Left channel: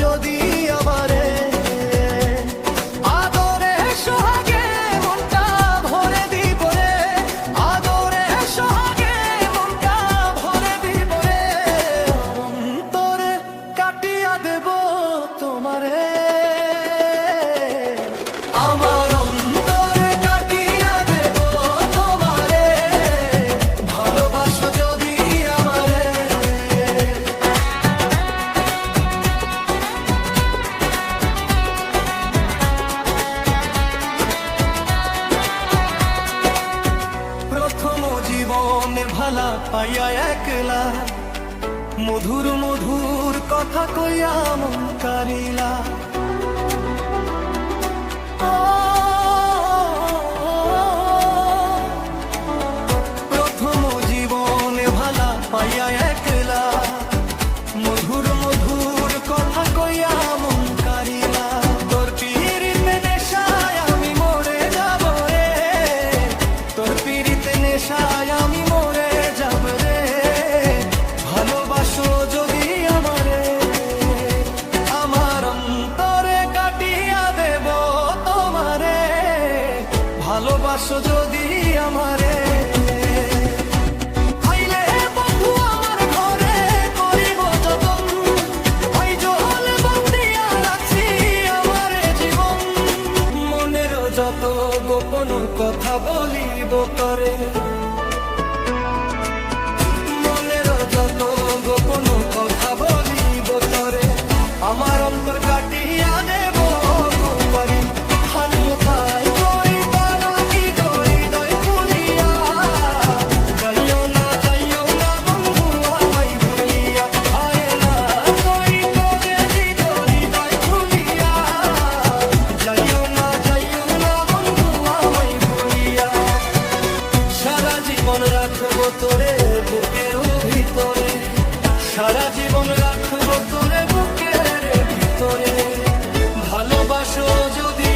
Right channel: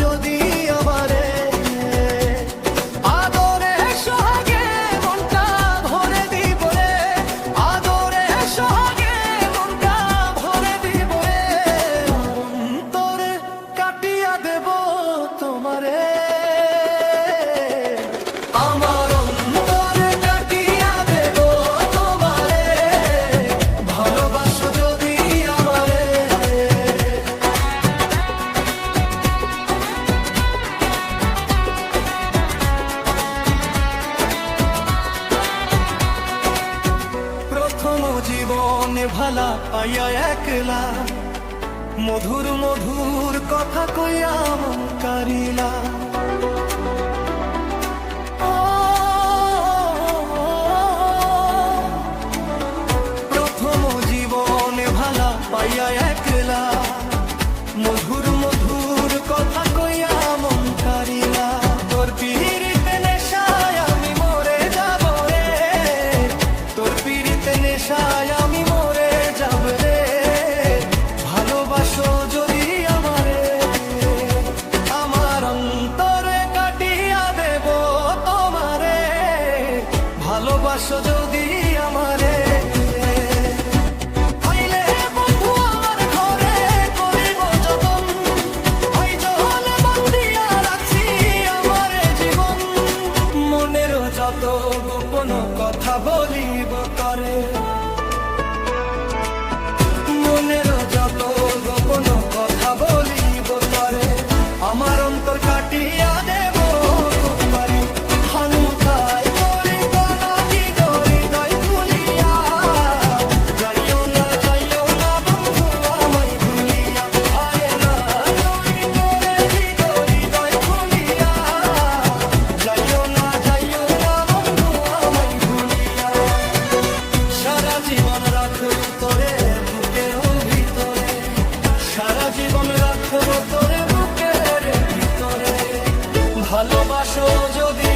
যদি আমারে, আদরে সোহাগে মনটা ভরে দিব রে, আদরে সোহাগে মনটা ভরে দিব রে, অন্তরে কাটিয়া দেব তোমারে, আমার অন্তরে কাটিয়া দেব তোমারে, ভালোবাসো যদি আমারে। প্রথম জীবনে ভালা পাইয়া একলা, মধুর মধুর কথা কইয়া মন কারিলা, প্রথম জীবনে ভালা পাইয়া একলা, মধুর মধুর কথা কইয়া মন কারিলা, তোর পিরিতে নেশায় আমি মরে যাব রে, তোর পিরিতে নেশায় আমি মরে যাব রে, ভালোবাসো যদি আমারে, আমার অন্তরে কাটিয়া দেব তোমারে, ভালোবাসো যদি আমারে। আইলে বন্ধু আমার ঘরে করিব যতন, আইজ হলে বান্ধিয়া রাখছি আমারে জীবন, মনের যত গোপন কথা বলিব তরে, মনের যত গোপন কথা বলিব তরে, আমার অন্তর কাটিয়া দেব কুপারি, হানকাই করি কানাকি করি দয় খুলিয়া, যাইও না বন্ধু আমায় ভুলিয়া, আয় না করি করে হৃদয় খুলিয়া, যাইও না বন্ধু আমায় ভুলিয়া, সারা জীবন রাখবো তোরে বুকের ভিতরে, সারা জীবন রাখবো তোরে বুকের ভিতরে, ভালোবাসো যদি